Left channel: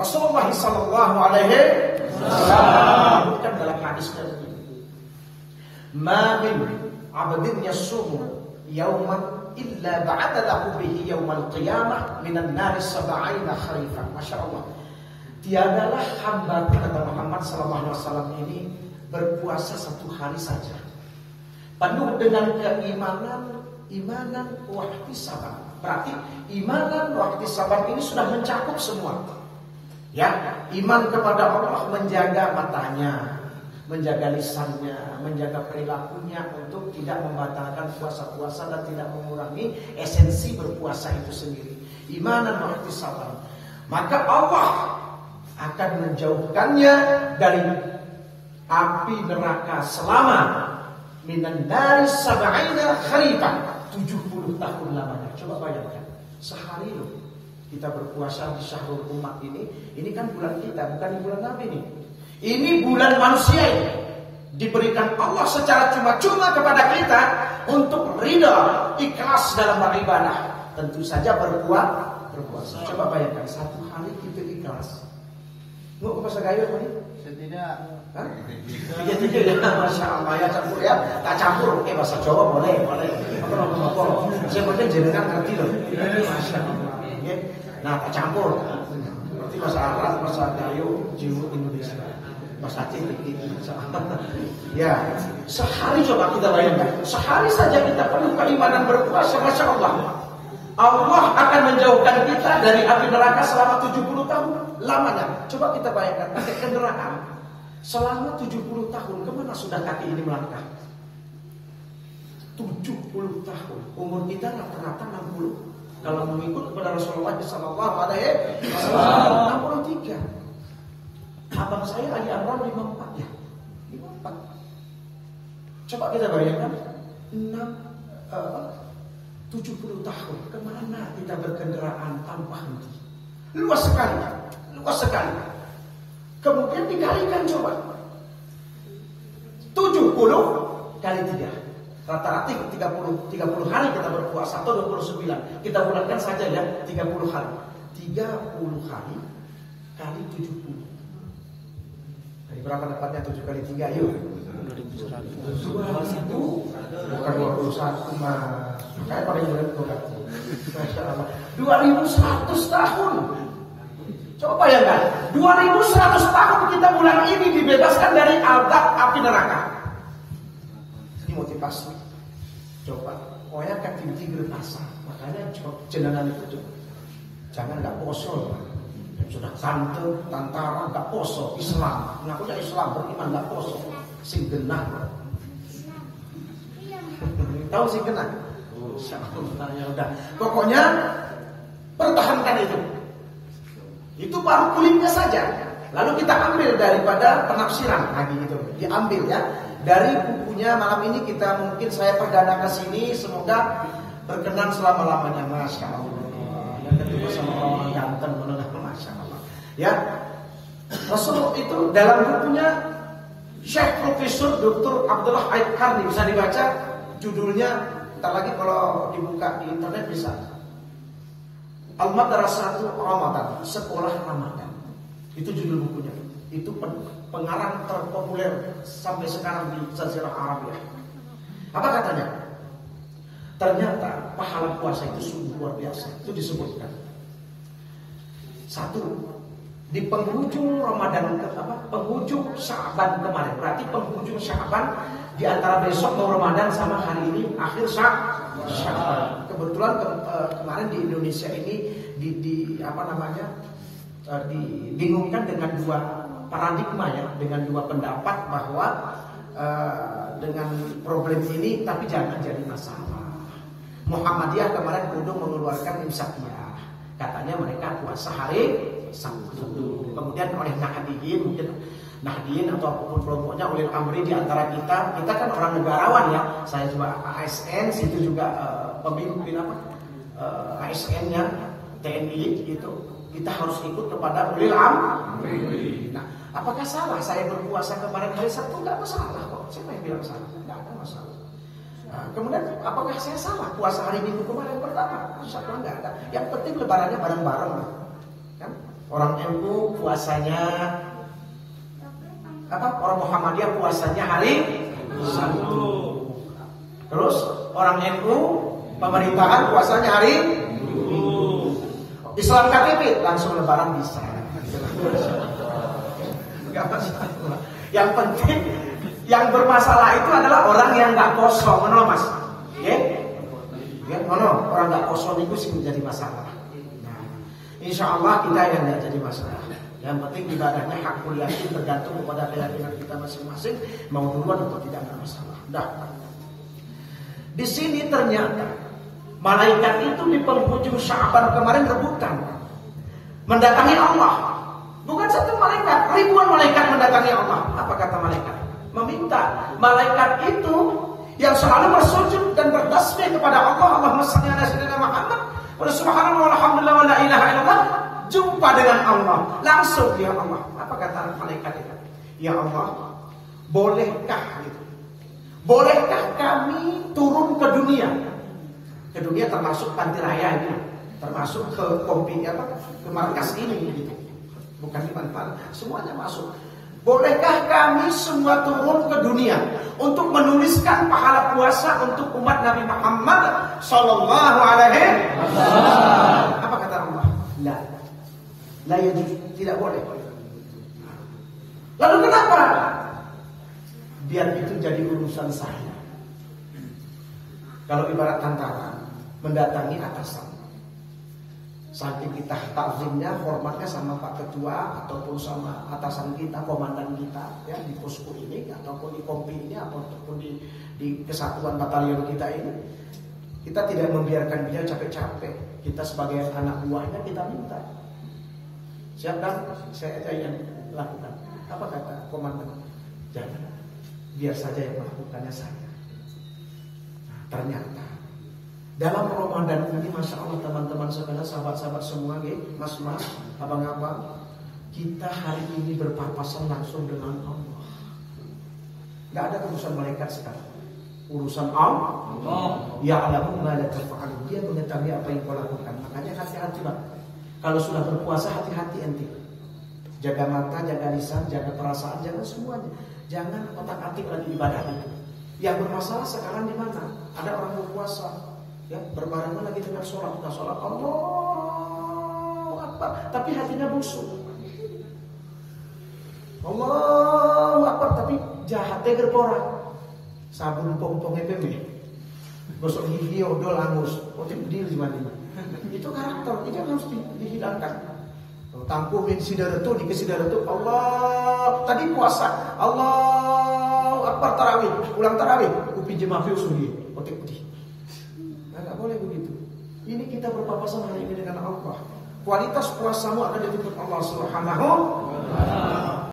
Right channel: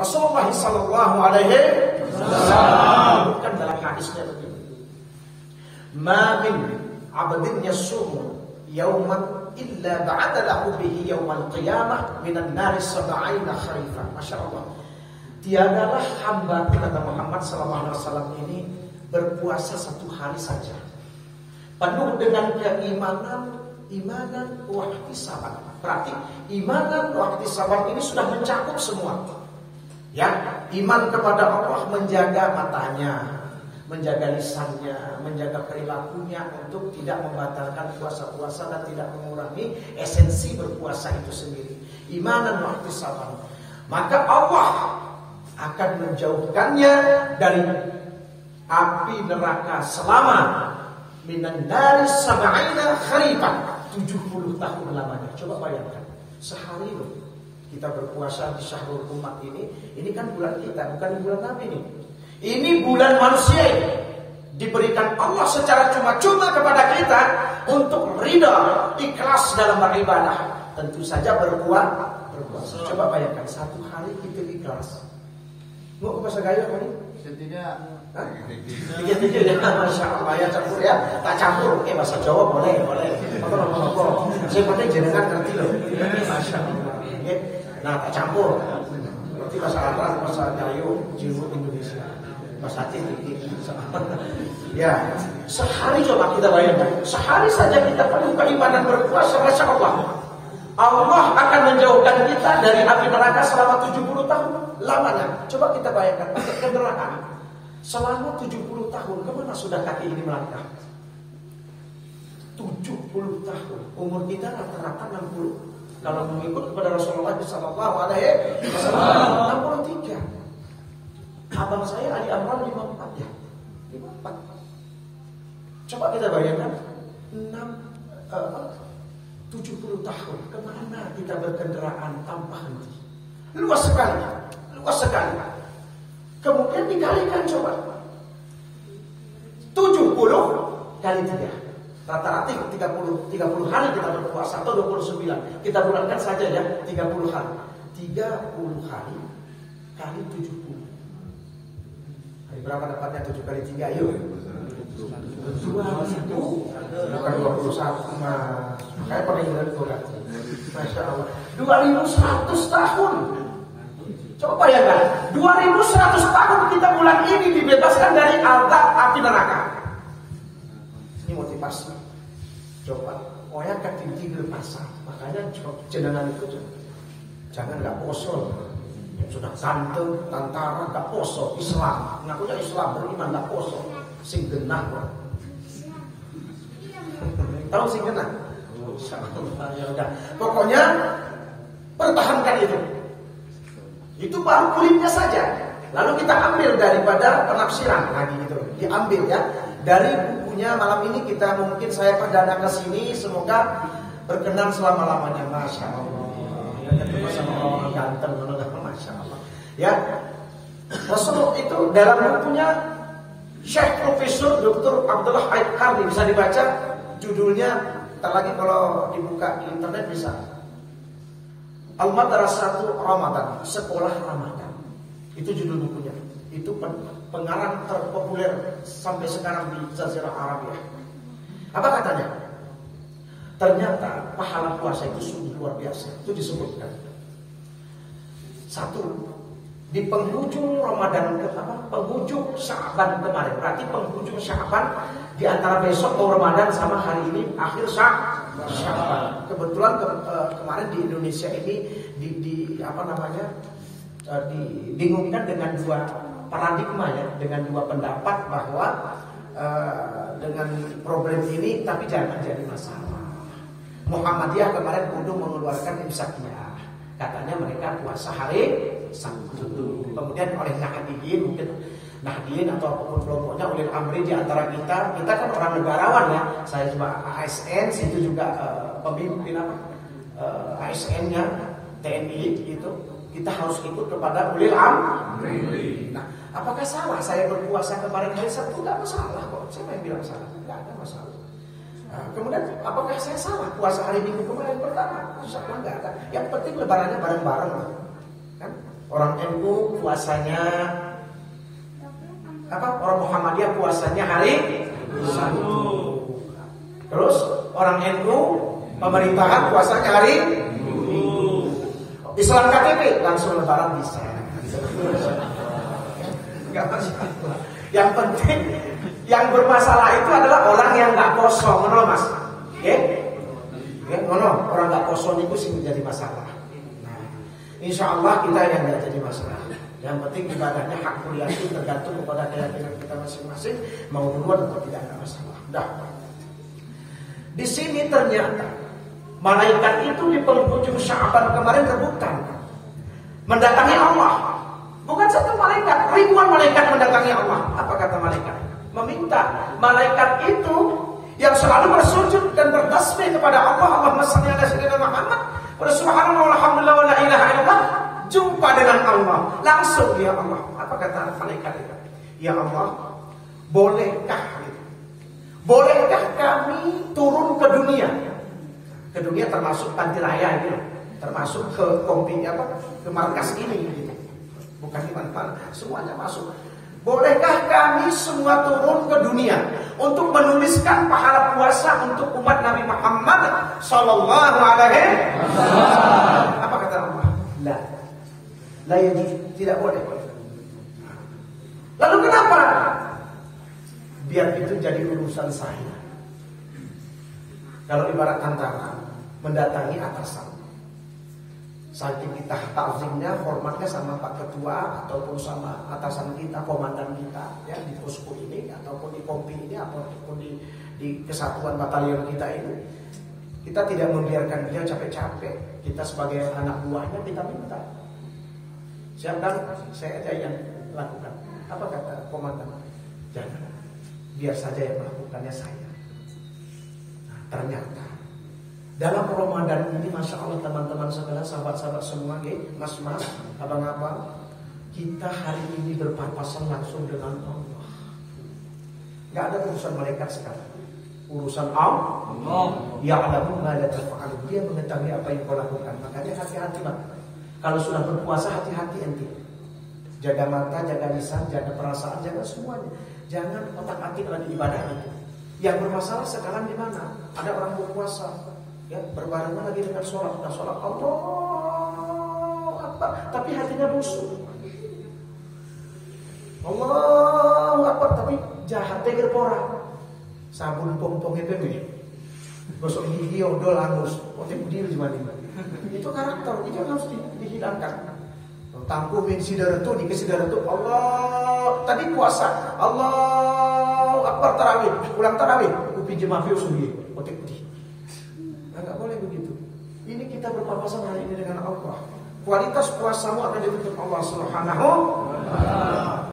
Rasulullah sallallahu alaihi wasallam kan dalam hadisnya, "Ma min 'abdin yasumu yawman illa ba'ada lahu bihi yawmal qiyamah minan nari sab'ina kharifan." Masya Allah. Tiadalah hamba kata Muhammad sallallahu alaihi wasallam ini berpuasa satu hari saja penuh dengan keimanan, wa ihtisaban. Berarti imanan wa ihtisaban ini sudah mencakup semua. Ya, iman kepada Allah, menjaga matanya, menjaga lisannya, menjaga perilakunya untuk tidak membatalkan puasa-puasa dan tidak mengurangi esensi berpuasa itu sendiri. Imanan wa ihtisaban. Maka Allah akan menjauhkannya dari api neraka selama minan dari sab'ina kharifan, 70 tahun lamanya. Coba bayangkan, sehari loh kita berpuasa di syahrul umat ini kan bulan kita, bukan bulan Nabi nih. Ini bulan manusia ini. Diberikan Allah secara cuma-cuma kepada kita untuk ridha, ikhlas dalam beribadah. Tentu saja berpuasa. Coba bayangkan, satu hari kita ikhlas. Mau ke bahasa gayo apa nih? Tiga-tiga ya, Masya Allah ya, campur ya. Tak campur, bahasa Jawa boleh. Saya penting jenengan ngerti loh. Masya Allah. Nah, tak campur. Berarti bahasa Arab, bahasa Jawa, Jiwu, Indonesia. Bahasa Aceh ini. Ya, sehari coba kita bayangkan. Sehari saja kita penuh keimanan berpuasa, Masya Allah. Allah akan menjauhkan kita dari api neraka selama 70 tahun lamanya. Coba kita bayangkan pakai kendaraan. Selama 70 tahun, kemana sudah kaki ini melangkah? 70 tahun. Umur kita rata-rata 60. Kalau mengikut kepada Rasulullah sallallahu alaihi wasallam 63. Abang saya Ali Amran 54 ya. 54. Coba kita bayangkan 70 tahun. Kemana kita berkendaraan tanpa henti? Luas sekali. Kemudian dikalikan coba 70 kali 3. Rata-rata 30 hari kita berpuasa atau 29. Kita bulatkan saja ya 30 hari. 30 hari kali 70. Hari berapa dapatnya 7 kali 3? Ayo. 2000. Bukan 21 mah. Kayak paling berat kok. Masya Allah. 2100 tahun. Coba bayangkan, 2100 tahun kita bulan ini dibebaskan dari azab api neraka. Ini motivasi. Coba, oya ketinggi berasa. Makanya jenengan itu jangan nggak poso. Sudah ganteng, tantara, nggak poso. Islam, ngakunya Islam beriman nggak poso. Sing genah. Tahu sing genah? Ya udah. Pokoknya pertahankan itu. Itu baru kulitnya saja. Lalu kita ambil daripada penafsiran lagi gitu. Diambil ya dari bukunya malam ini kita mungkin saya perdana ke sini, semoga berkenan selama-lamanya. Masya Allah. Yang ketemu sama orang ganteng, Masya Allah. Ya. Rasulullah itu dalam bukunya Syekh Profesor Dr. Abdullah Aid Karni, bisa dibaca judulnya, ntar lagi kalau dibuka di internet bisa. Al-Madrasatu Ramadan, Sekolah Ramadan. Itu judul bukunya. Itu pengarang terpopuler sampai sekarang di Jazirah Arabia. Apa katanya? Ternyata pahala puasa itu sungguh luar biasa. Itu disebutkan. 1. Di penghujung Ramadan penghujung Sya'ban kemarin. Berarti penghujung Sya'ban di antara besok mau Ramadan sama hari ini akhir Sya'ban. Kebetulan kemarin di Indonesia ini dibingungkan dengan dua paradigma ya, dengan dua pendapat bahwa dengan problem ini tapi jangan jadi masalah. Muhammadiyah kemarin kudu mengeluarkan imsakiyah. Katanya mereka puasa hari Sabtu. Kemudian oleh Nahdliyin, mungkin Nahdliyin atau apapun kelompoknya, ulil amri di antara kita kan orang negarawan ya. Saya coba ASN, situ juga pemimpin ASN-nya TNI itu kita harus ikut kepada ulil amri. Nah, apakah salah saya berpuasa kemarin hari Sabtu? Enggak masalah kok. Siapa yang bilang salah? Enggak ada masalah. Kemudian apakah saya salah puasa hari Minggu kemarin pertama? Insya Allah enggak ada. Yang penting lebarannya bareng-bareng lah. Kan? Orang NU puasanya apa? Orang Muhammadiyah puasanya hari Sabtu. Terus orang NU pemerintahan puasanya hari Islam KTP langsung lebaran bisa. Enggak masalah. Yang penting yang bermasalah itu adalah orang yang nggak kosong, mana Mas? Oke? Mana orang nggak kosong itu sih menjadi masalah. Nah, insya Allah kita yang nggak jadi masalah. Yang penting ibadahnya hak yakin tergantung kepada keyakinan kita masing-masing, mau duluan atau tidak ada masalah. Dah. Di sini ternyata malaikat itu di penghujung Sya'ban kemarin rebutan mendatangi Allah. Bukan satu malaikat, ribuan malaikat mendatangi Allah. Apa kata malaikat? Meminta. Malaikat itu yang selalu bersujud dan bertasbih kepada Allah. Allahumma shalli ala sayyidina Muhammad wa subhanallah walhamdulillah wa la ilaha illallah. Jumpa dengan Allah langsung, ya Allah. Apa kata malaikat itu? Ya Allah, bolehkah kami turun ke dunia? Ke dunia termasuk panti raya ini, termasuk ke kompi apa? Ke markas ini gitu. Bukan di mana-mana, semuanya masuk. Bolehkah kami semua turun ke dunia untuk menuliskan pahala puasa untuk umat Nabi Muhammad sallallahu alaihi wasallam? Apa kata Allah? La yajuz, tidak boleh. Lalu kenapa? Biar itu jadi urusan saya. Kalau ibarat tentara mendatangi atasan, saking kita takzimnya, hormatnya sama Pak Ketua ataupun sama atasan kita, komandan kita, ya di posko ini ataupun di kompi ini ataupun di kesatuan batalion kita ini, kita tidak membiarkan beliau capek-capek. Kita sebagai anak buahnya kita minta, siapkan, saya aja yang lakukan. Apa kata komandan? Jangan, biar saja yang melakukannya saya. Nah, ternyata dalam Ramadan ini, Masya Allah teman-teman sekalian, sahabat-sahabat semua, mas-mas, abang-abang, kita hari ini berpapasan langsung dengan Allah. Gak ada urusan malaikat sekarang, urusan Allah. Ya'lamu ma la taf'alun. Dia mengetahui apa yang kau lakukan. Makanya hati-hati Bang. Kalau sudah berpuasa, hati-hati ente. Jaga mata, jaga lisan, jaga perasaan, jaga semuanya. Jangan otak-atik lagi ibadah itu. Yang bermasalah sekarang di mana? Ada orang berpuasa, ya, berbarengan lagi dengan sholat, udah sholat Allahu Akbar, tapi hatinya busuk. Allahu Akbar, tapi jahatnya gerpora. Sabun pong-pong EPB, gosok gigi odol angus, motif deal gimana? Itu karakter, itu harus dihilangkan. Tangkumin sidaratu, dikasih sidaratu. Allah, tadi puasa, Allahu Akbar tarawih, ulang tarawih, upi jemaah suhi, motif di. Nggak boleh begitu. Ini kita berpapasan hari ini dengan Allah. Kualitas puasamu akan dituntut Allah Subhanahu wa ta'ala.